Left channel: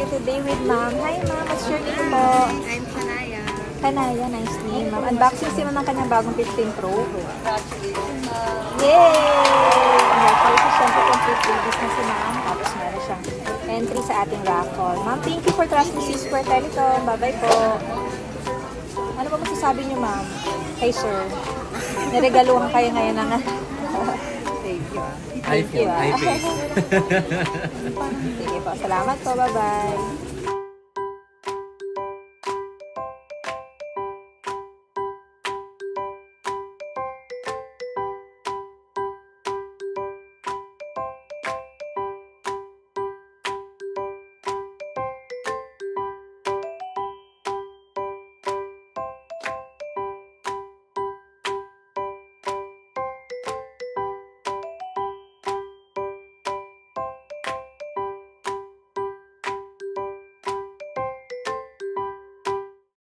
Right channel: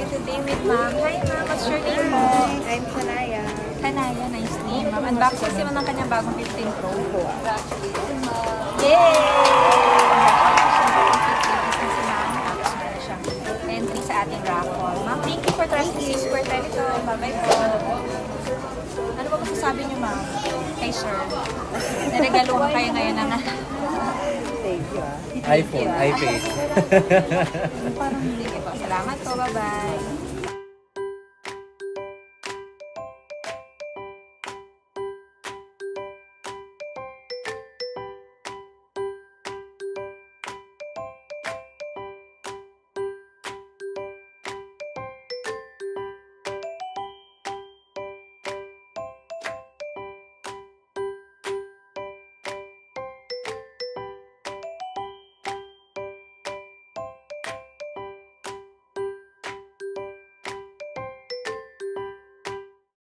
tayo today with ma'am. Hi ma'am, what's your name mo? I'm Sanaya. Kanaya, nice name ma'am. Unboxing sila ng kanyang bagong 15 Pro. Yay! Business na tapos meron siyang entry sa ating raffle. Ma'am, thank you for trusting this for Teleco. Bye-bye po. Ano ba masasabi niyo ma'am? Kay sir. Naregaluhan kayo ngayon ng Thank you. iPhone, iPad. Salamat po, bye-bye.